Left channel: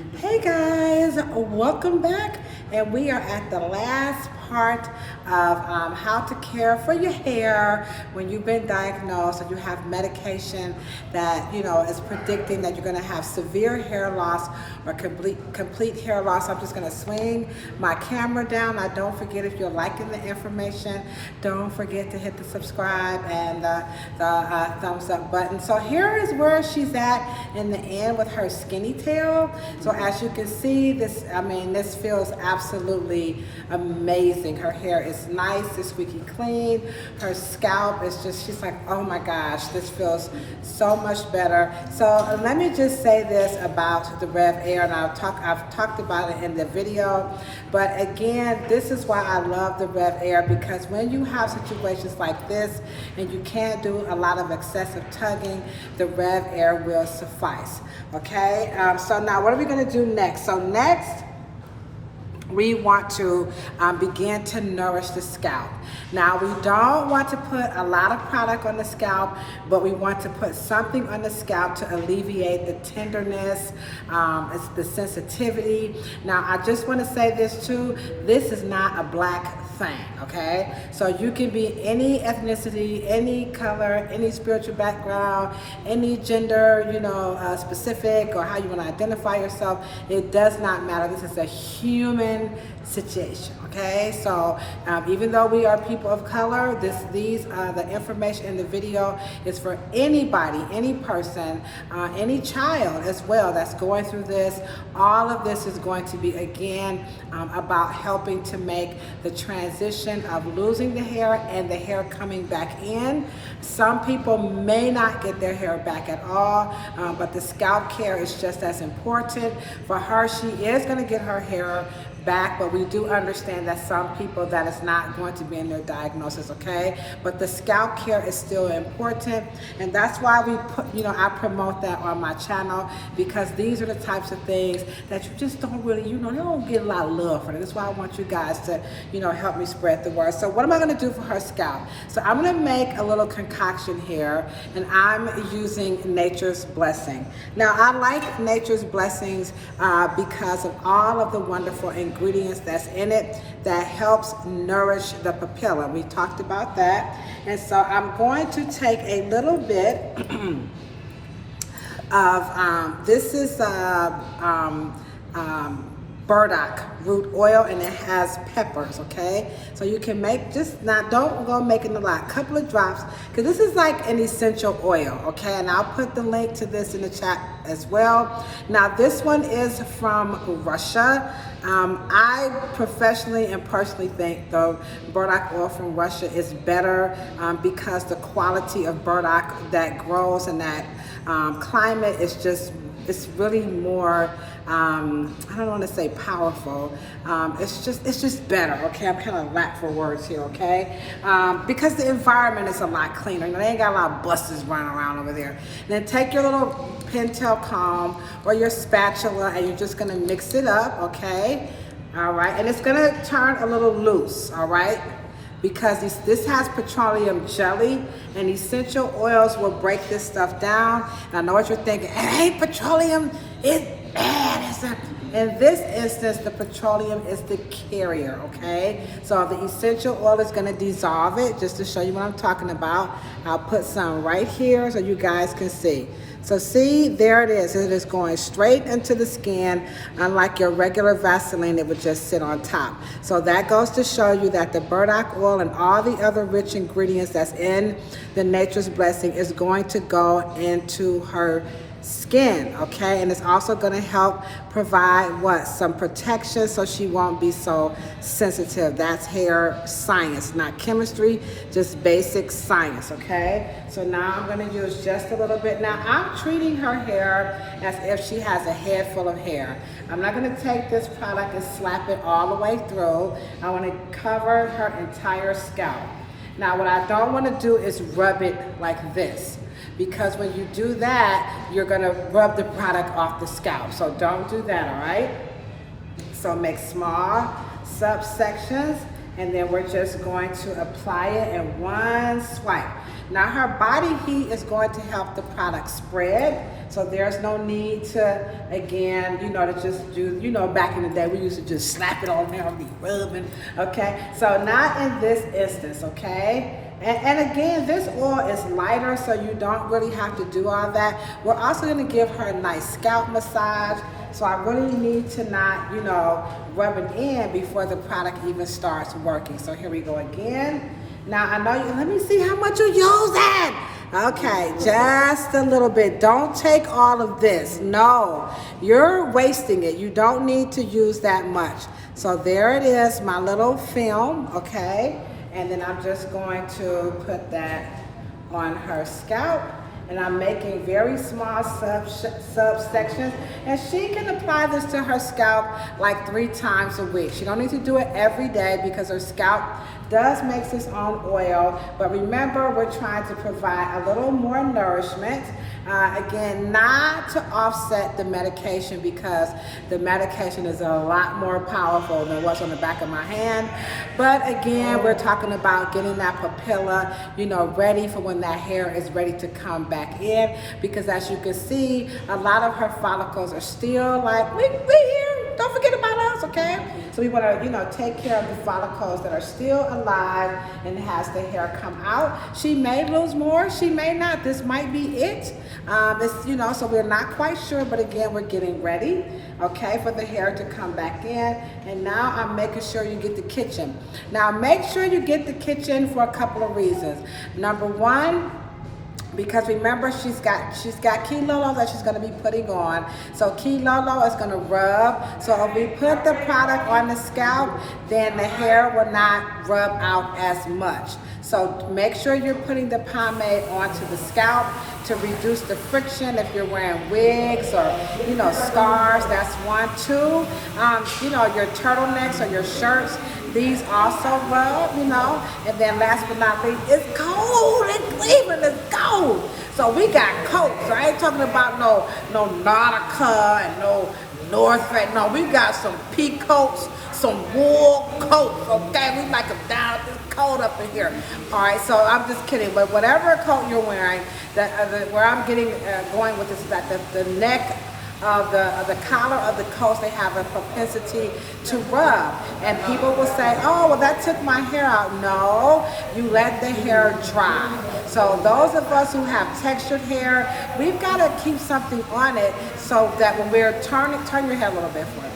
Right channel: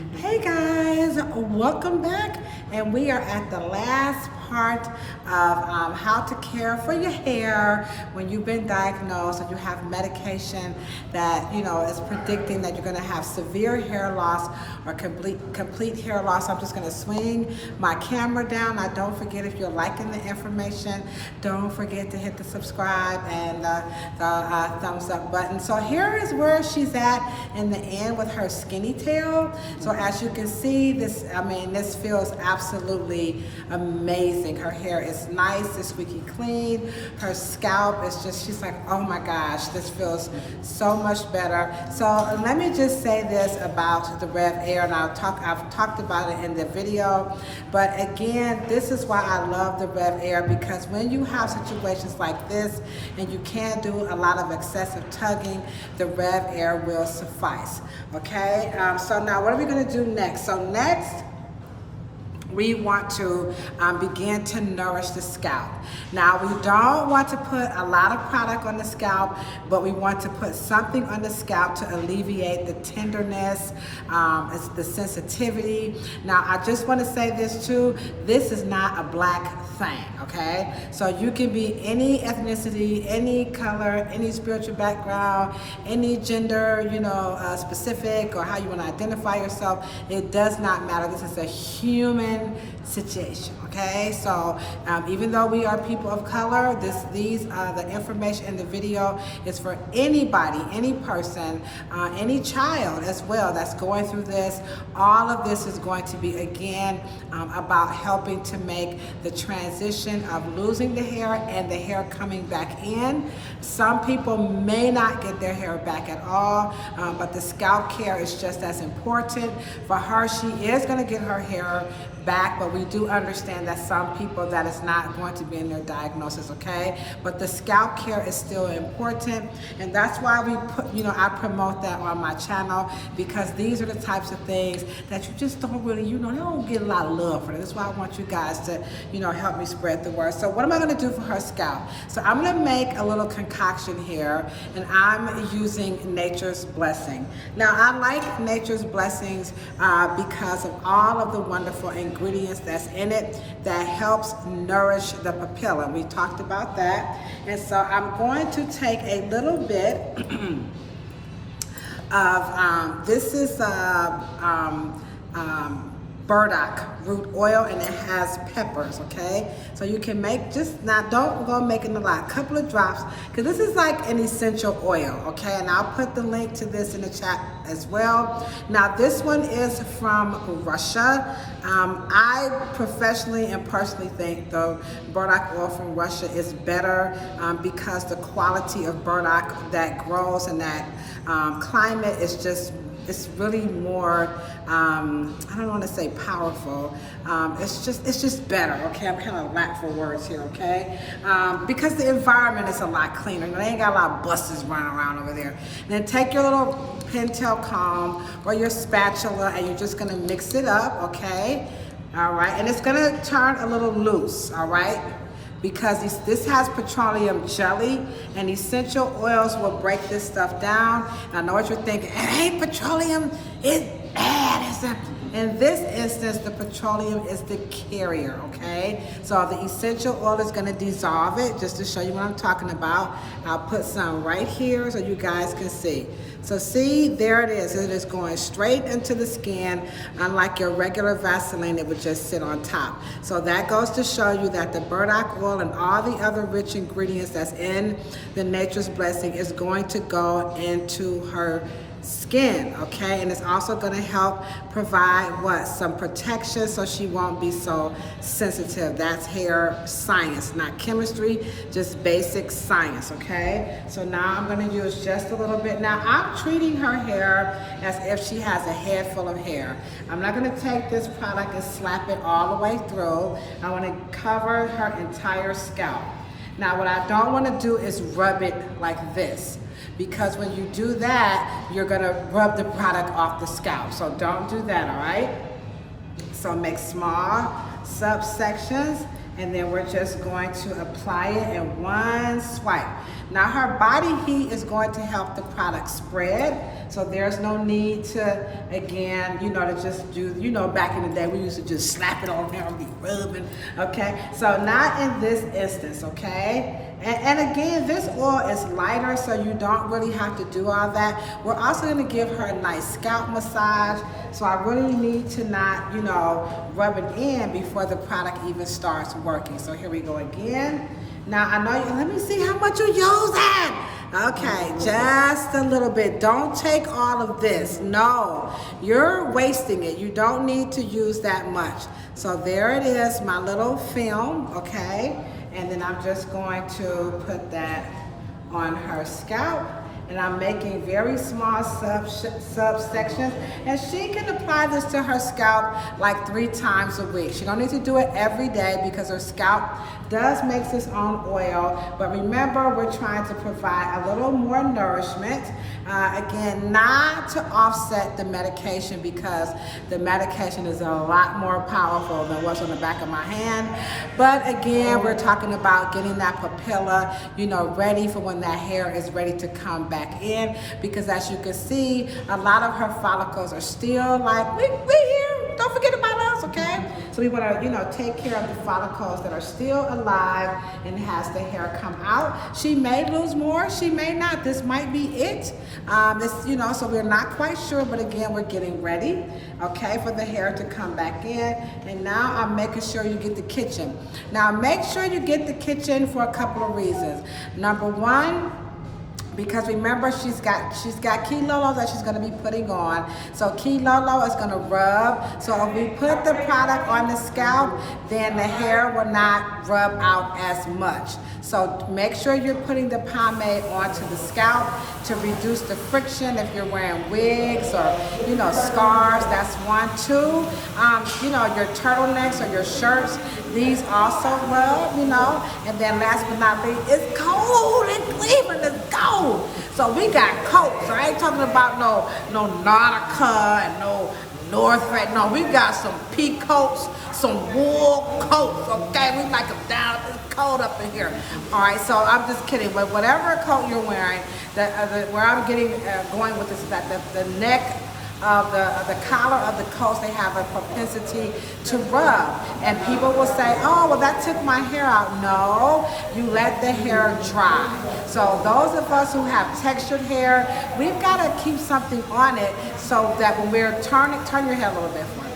Hey guys, welcome back, and we are at the last part of how to care for your hair when you've been diagnosed and you have medication that is predicting that you're going to have severe hair loss or complete hair loss. I'm just going to swing my camera down. Now don't forget, if you're liking the information, don't forget to hit the subscribe and the thumbs up button. So here is where she's at in the end with her skinny tail. So as you can see, this feels absolutely amazing. Her hair is nice, it's squeaky clean. Her scalp is just, she's like, oh my gosh, this feels so much better. So let me just say this about the Rev Air, and I've talked about it in the video, but again, this is why I love the Rev Air, because when you have situations like this and you can't do a lot of excessive tugging, the Rev Air will suffice. Okay, so now what are we going to do next? So next, we want to begin to nourish the scalp. Now, we don't want to put a lot of product on the scalp, but we want to put something on the scalp to alleviate the tenderness, it's the sensitivity. Now, I just want to say this too, this is not a black thing, okay? So you can be any ethnicity, any color, any spiritual background, any gender, specific, or how you want to identify yourself. It does not matter. This is a human situation, okay? So even though we are people of color, the information in the video is for anybody, any person, any child as well that's going through this. All of this is going to be, again, about helping to make the transition of losing the hair and the hair coming back in. Some people may not get their hair back at all, but the scalp care is just as important. For her, she is going to get her hair back, but we do understand that some people, that is not going to be in their diagnosis, okay? But the scalp care is still important, and that's why we put, I promote that on my channel, because these are the types of things that you just don't really, they don't get a lot of love for. That's why I want you guys to, help me spread the word. So what am I going to do for her scalp? So I'm going to make a little concoction here, and I'm using Nature's Blessing. Now, I like Nature's Blessings because of all of the wonderful ingredients that's in it that helps nourish the papilla. We talked about that. And so I'm going to take a little bit of, this is burdock root oil, and it has peppers, okay? So you can make, just now, don't go making a lot, couple of drops, because this is like an essential oil, okay? And I'll put the link to this in the chat as well. Now, this one is from Russia. I professionally and personally think the burdock oil from Russia is better because the quality of burdock that grows in that climate is just, it's really more, I don't want to say powerful. It's just better, okay? I'm kind of lack for words here, okay? Because the environment is a lot cleaner. They ain't got a lot of buses running around over there. And then take your little pintail comb or your spatula, and you're just gonna mix it up, okay? All right, and it's gonna turn a little loose, all right? Because this has petroleum jelly, and essential oils will break this stuff down. And I know what you're thinking, hey, petroleum is bad. In this instance, the petroleum is the carrier, okay? So the essential oil is gonna dissolve it, just to show you what I'm talking about. I'll put some right here so you guys can see. So see, there it is. It is going straight into the skin, unlike your regular Vaseline, it would just sit on top. So that goes to show you that the burdock oil and all the other rich ingredients that's in the Nature's Blessing is going to go into her skin, okay? And it's also going to help provide some protection, so she won't be so sensitive. That's hair science, not chemistry, just basic science, okay? So now I'm going to use just a little bit. Now I'm treating her hair as if she has a head full of hair. I'm not going to take this product and slap it all the way through. I want to cover her entire scalp. Now what I don't want to do is rub it like this, because when you do that, you're gonna rub the product off the scalp. So don't do that, all right? So make small subsections, and then we're just going to apply it in one swipe. Now her body heat is going to help the product spread. So there's no need to, again, to just do, back in the day, we used to just slap it on there and be rubbing, okay? So not in this instance, okay? And again, this oil is lighter, so you don't really have to do all that. We're also gonna give her a nice scalp massage. So I really need to not, rub it in before the product even starts working. So here we go again. Now I know let me see how much you're using. Okay, just a little bit. Don't take all of this. No, you're wasting it. You don't need to use that much. So there it is, my little film, okay? And then I'm just going to put that on her scalp. And I'm making very small subsections. And she can apply this to her scalp like 3 times a week. She don't need to do it every day because her scalp does make its own oil. But remember, we're trying to provide a little more nourishment. Again, not to offset the medication because the medication is a lot more powerful than what's on the back of my hand. But again, we're talking about getting that papilla, ready for when that hair is ready to come back in. Because as you can see, a lot of her follicles are still like, we here, don't forget about us, okay? So we want to, take care of the follicles that are still alive and has the hair come out. She may lose more, she may not. This might be it. It's, so we're not quite sure, but again, we're getting ready, okay, for the hair to come back in. And now I'm making sure you get the kitchen. Now make sure you get the kitchen for a couple of reasons. Number one, because remember, she's got Killas that she's going to be putting on. So Killas is going to rub. So if we put the product on the scalp, then the hair will not rub out as much. So make sure you're putting the pomade onto the scalp to reduce the friction if you're wearing wigs or, scarves. That's 1. 2, your turtlenecks or your shirts. These also rub, and then last but not least, it's cold in Cleveland, it's cold. So we got coats. I ain't talking about no Nautica and no North Face. No, we got some pea coats, some wool coats, okay? We like them down, it's cold up in here. All right, so I'm just kidding, but whatever coat you're wearing, where I'm going with this is that the neck of the collar of the coats, they have a propensity to rub. And people will say, oh, well, that took my hair out. No, you let the hair dry. So those of us who have textured hair, we've got to keep something on it so that when we're turn your head a little bit for it.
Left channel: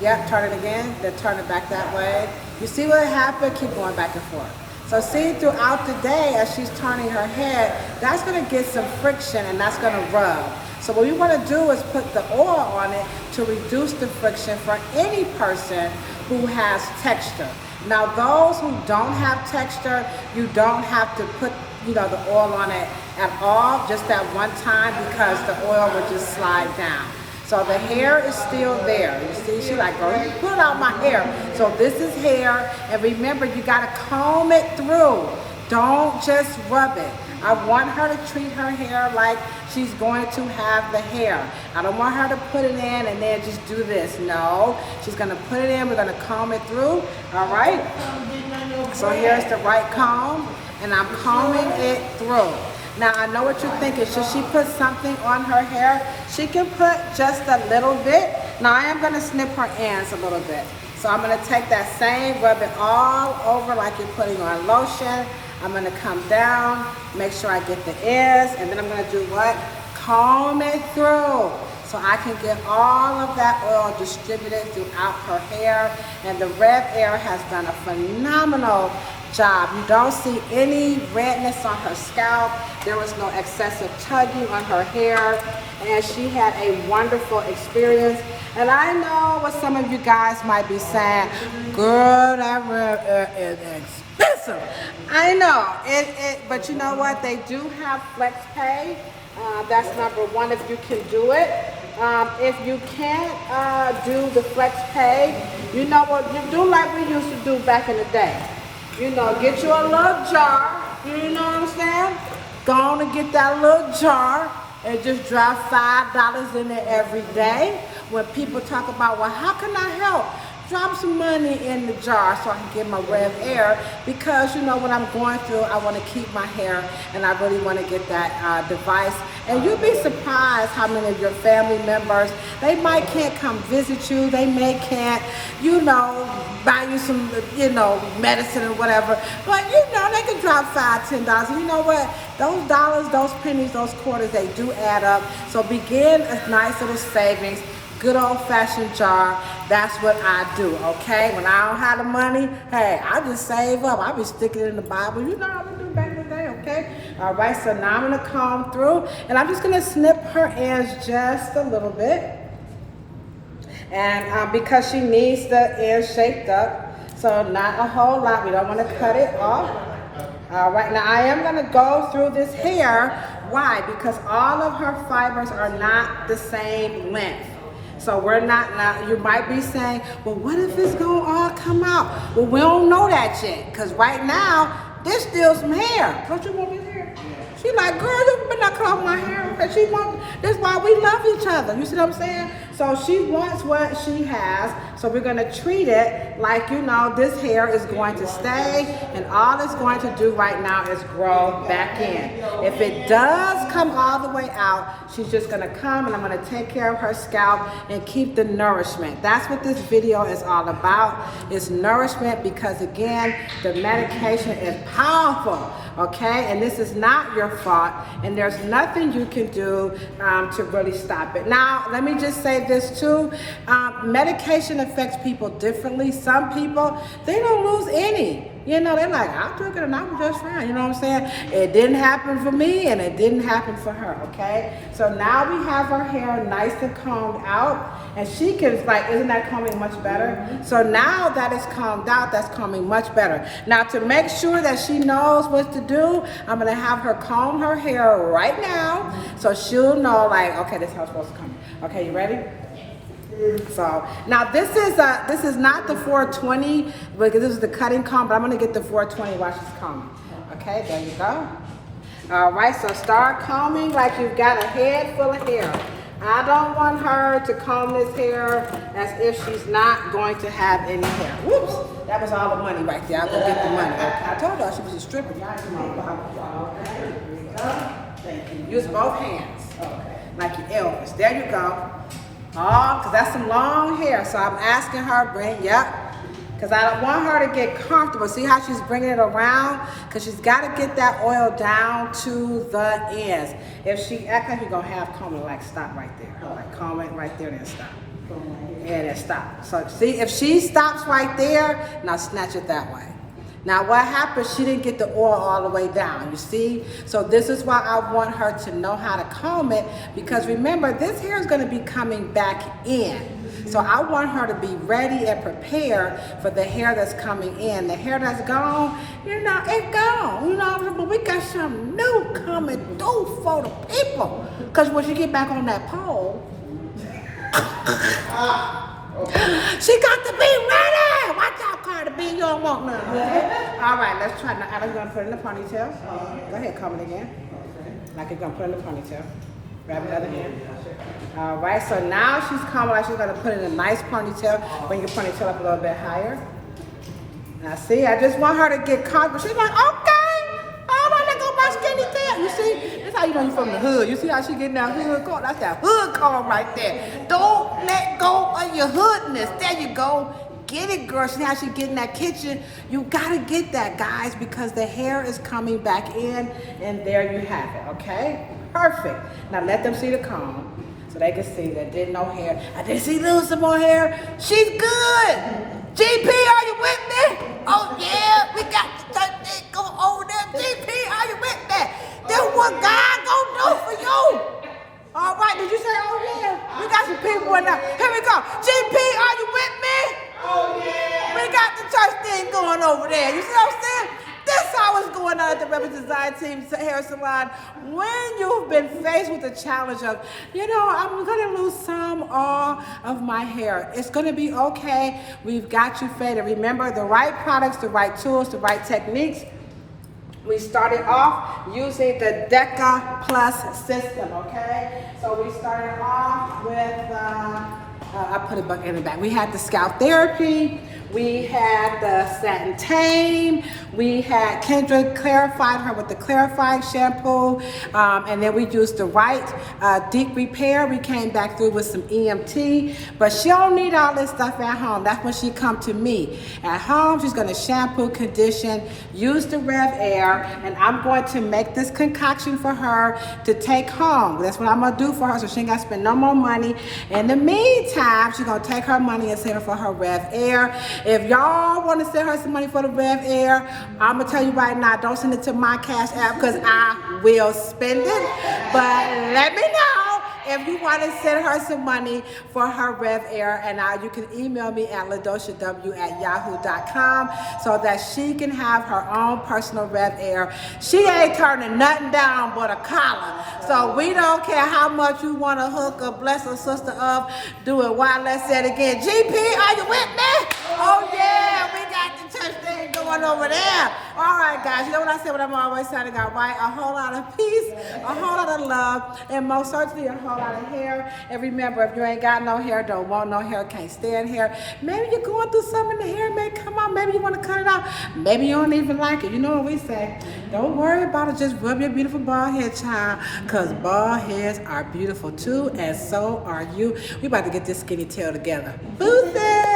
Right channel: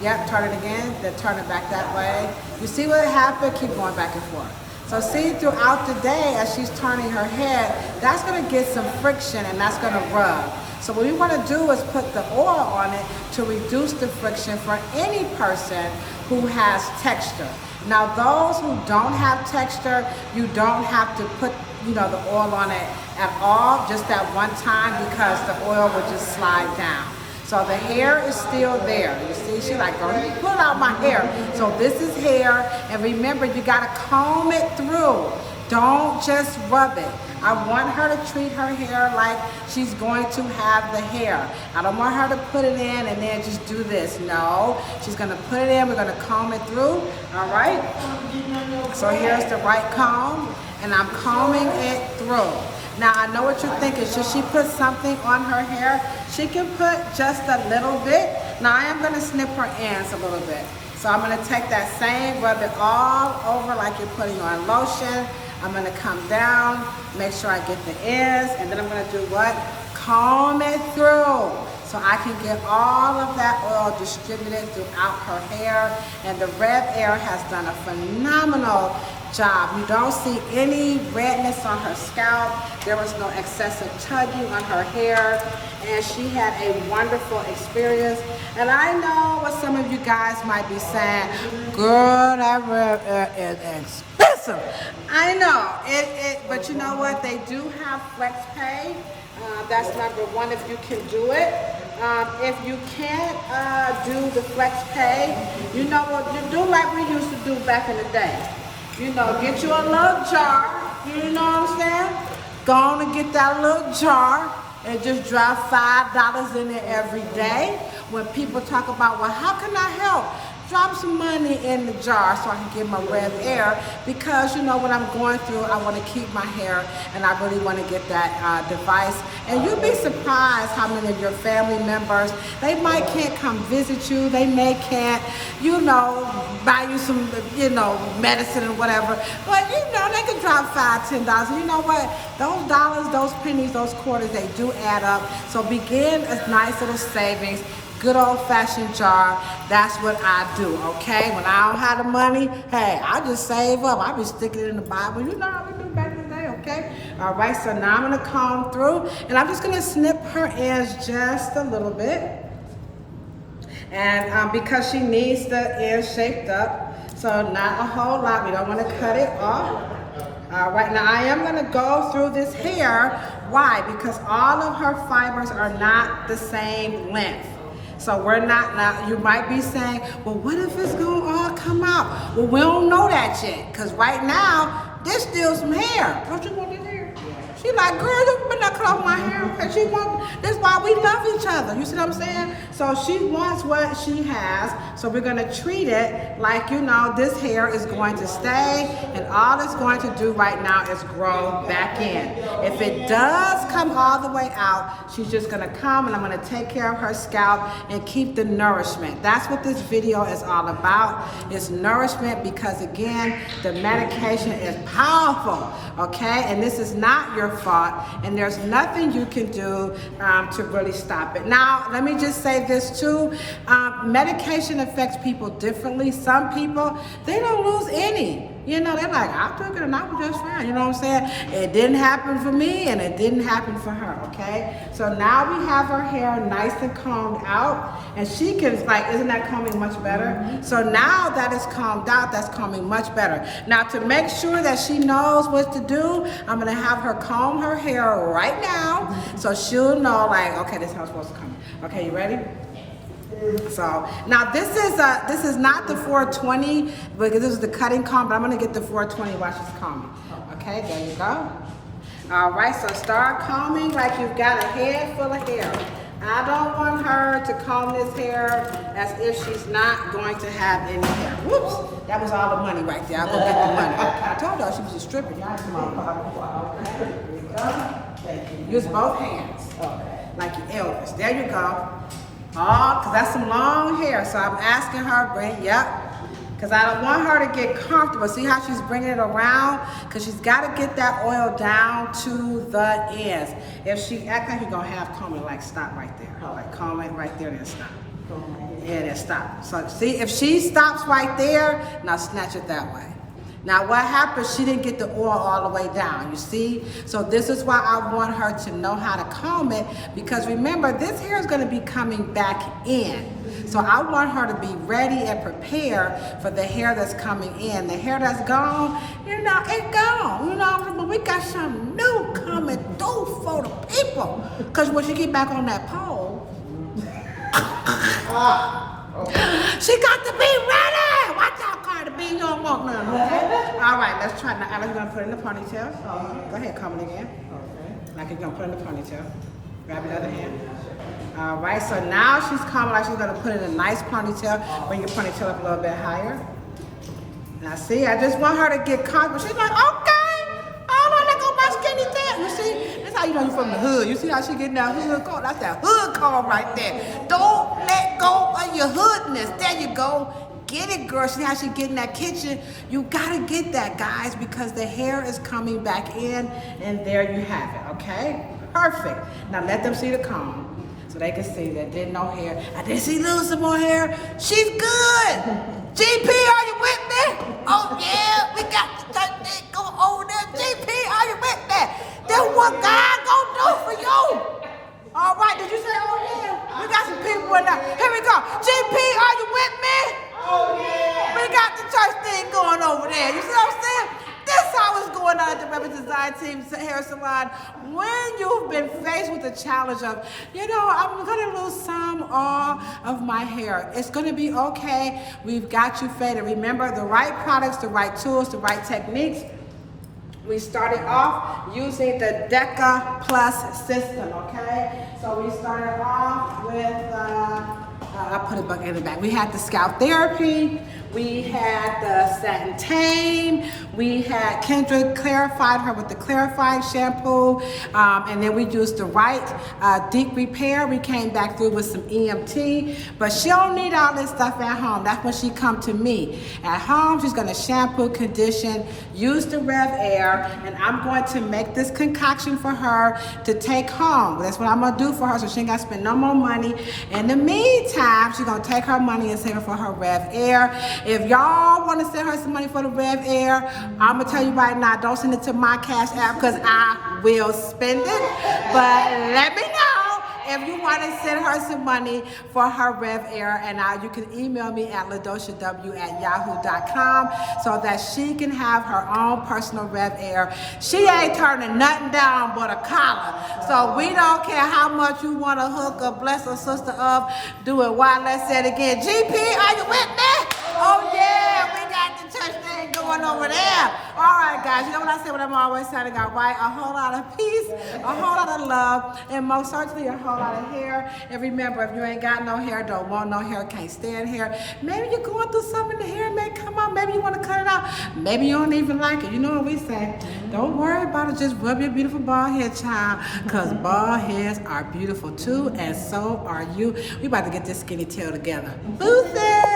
Yep, turn it again, then turn it back that way. You see what happened? Keep going back and forth. So see, throughout the day, as she's turning her head, that's going to get some friction and that's going to rub. So what we want to do is put the oil on it to reduce the friction for any person who has texture. Now those who don't have texture, you don't have to put the oil on it at all, just that one time, because the oil will just slide down. So the hair is still there. You see, she's like, girl, you pull out my hair. So this is hair, and remember, you gotta comb it through. Don't just rub it. I want her to treat her hair like she's going to have the hair. I don't want her to put it in and then just do this. No, she's gonna put it in, we're gonna comb it through, all right? So here's the right comb, and I'm combing it through. Now I know what you're thinking, should she put something on her hair? She can put just a little bit. Now I am gonna snip her ends a little bit. So I'm gonna take that same, rub it all over like you're putting on lotion. I'm gonna come down, make sure I get the ends, and then I'm gonna do what? Comb it through. So I can get all of that oil distributed throughout her hair. And the Red Air has done a phenomenal job. You don't see any redness on her scalp. There was no excessive tugging on her hair. And she had a wonderful experience. And I know what some of you guys might be saying, girl, that Red Air is expensive. I know, but you know what? They do have flex pay. That's number one if you can do it. If you can't do the flex pay, you know what? You do like we used to do back in the day. Get you a little jar, you know what I'm saying? Go on and get that little jar and just drop $5 in it every day. When people talk about, well, how can I help? drop some money in the jar so I can get my red hair, because you know what I'm going through, I want to keep my hair and I really want to get that device. And you'll be surprised how many of your family members, they might can't come visit you, they may can't, you know, buy you some, you know, medicine or whatever, but you know, they can drop $5, $10. And you know what? Those dollars, those pennies, those quarters, they do add up. So begin a nice little savings. Good old-fashioned jar. That's what I do, okay? When I don't have the money, hey, I just save up. I be sticking it in the Bible. You know how we do back in the day, okay? All right, so now I'm gonna comb through, and I'm just gonna snip her ends just a little bit. And because she needs the ends shaped up, so not a whole lot. We don't wanna cut it off. All right, now I am gonna go through this hair. Why? Because all of her fibers are not the same length. So we're not, now you might be saying, well, what if it's gonna all come out? Well, we don't know that yet, because right now, there's still some hair. Don't you want this hair? She like, girl, you better not cut off my hair. Because she wants, that's why we love each other. You see what I'm saying? So she wants what she has. So we're gonna treat it like, you know, this hair is going to stay, and all it's going to do right now is grow back in. If it does come all the way out, she's just gonna come and I'm gonna take care of her scalp and keep the nourishment. That's what this video is all about. It's nourishment, because again, the medication is powerful, okay? And this is not your fault, and there's nothing you can do to really stop it. Now, let me just say this too. Medication affects people differently. Some people, they don't lose any. You know, they're like, I took it and I was just fine. You know what I'm saying? It didn't happen for me and it didn't happen for her, okay? So now we have her hair nice and combed out, and she can, like, isn't that combing much better? Mm-hmm. So now that it's combed out, that's combing much better. Now to make sure that she knows what to do, I'm gonna have her comb her hair right now, mm-hmm. so she'll know, like, okay, this is how it's supposed to come. Okay, you ready? So now this is not the 420, because this is the cutting comb, but I'm gonna get the 420 while she's combing. Okay, there you go. All right, so start combing like you've got a head full of hair. I don't want her to comb this hair as if she's not going to have any hair. Whoops, that was all the money right there. I'll go get the money. Okay. I told y'all she was a stripper. Y'all come on. Thank you. Use both hands, like your Elvis. There you go. Oh, because that's some long hair. So I'm asking her, because I don't want her to get comfortable. See how she's bringing it around? Because she's got to get that oil down to the ends. If she act like you're going to have combing, like stop right there. Like comb it right there, then stop. Yeah, then stop. So see, if she stops right there, now snatch it that way. Now what happened, she didn't get the oil all the way down, you see? So this is why I want her to know how to comb it, because remember, this hair is gonna be coming back in. So I want her to be ready and prepared for the hair that's coming in. The hair that's gone, you know, it's gone. You know, but we got something new coming through for the people. Because when she get back on that pole, she got to be ready. Watch out, Cardi B. You don't want none, okay? All right, let's try now. Alex, you gonna put it in the ponytail? Go ahead, comb it again. Like you're gonna put it in the ponytail. Grab your other hand. All right, so now she's combing like she's gonna put it in a nice ponytail. Bring your ponytail up a little bit higher. Now see, I just want her to get comfortable. She's like, okay, all right, let go my skinny tail. You see, that's how you know you're from the hood. You see how she getting that hood comb? That's that hood comb right there. Don't let go of your hoodness. There you go. Get it, girl. See how she get in that kitchen? You gotta get that, guys, because the hair is coming back in, and there you have it, okay? Perfect. Now let them see the comb so they can see that did no hair. I didn't see little some more hair. She's good. GP, are you with me? Oh yeah, we got the third thing going over there. GP, are you with me? That's what God gonna do for you. All right, did you say, oh yeah? We got some people in there. Here we go. GP, are you with me? Oh yeah. We got the church thing going over there. You see what I'm saying? This is how it's going on at the Rebel Design Team's hair salon. When you've been faced with the challenge of, you know, I'm gonna lose some or all of my hair. It's gonna be okay. We've got you faded. Remember, the right products, the right tools, the right techniques. We started off using the Decca Plus system, okay? So we started off with I put it back in the back. We had the Scalp Therapy. We had the Satin Tame. We had Kendra clarified her with the clarified shampoo. And then we used the Wright Deep Repair. We came back through with some EMT. But she don't need all this stuff at home. That's when she come to me. At home, she's going to shampoo, condition, use the Rev Air. And I'm going to make this concoction for her to take home. That's what I'm going to do for her so she ain't got to spend no more money. In the meantime, she's going to take her money and save it for her Rev Air. If y'all want to send her some money for the Rev Air, I'm going to tell you right now, don't send it to my Cash App because I will spend it. But let me know if you want to send her some money for her Rev Air. And you can email me at ladoshaw@yahoo.com so that she can have her own personal Rev Air. She ain't turning nothing down but a collar. So we don't care how much you want to hook or bless a sister up. Do it. Why? Let's say it again. GP, are you with me? Oh yeah, we got the church thing going over there. All right, guys, you know what I say, what I'm always saying, I got right, a whole lot of peace, a whole lot of love, and most certainly a whole lot of hair. And remember, if you ain't got no hair, don't want no hair, can't stand hair, maybe you're going through something, the hair may come out, maybe you want to cut it out, maybe you don't even like it. You know what we say, don't worry about it, just rub your beautiful bald head, child, because bald heads are beautiful too, and so are you. We about to get this skinny tail together. Boozy!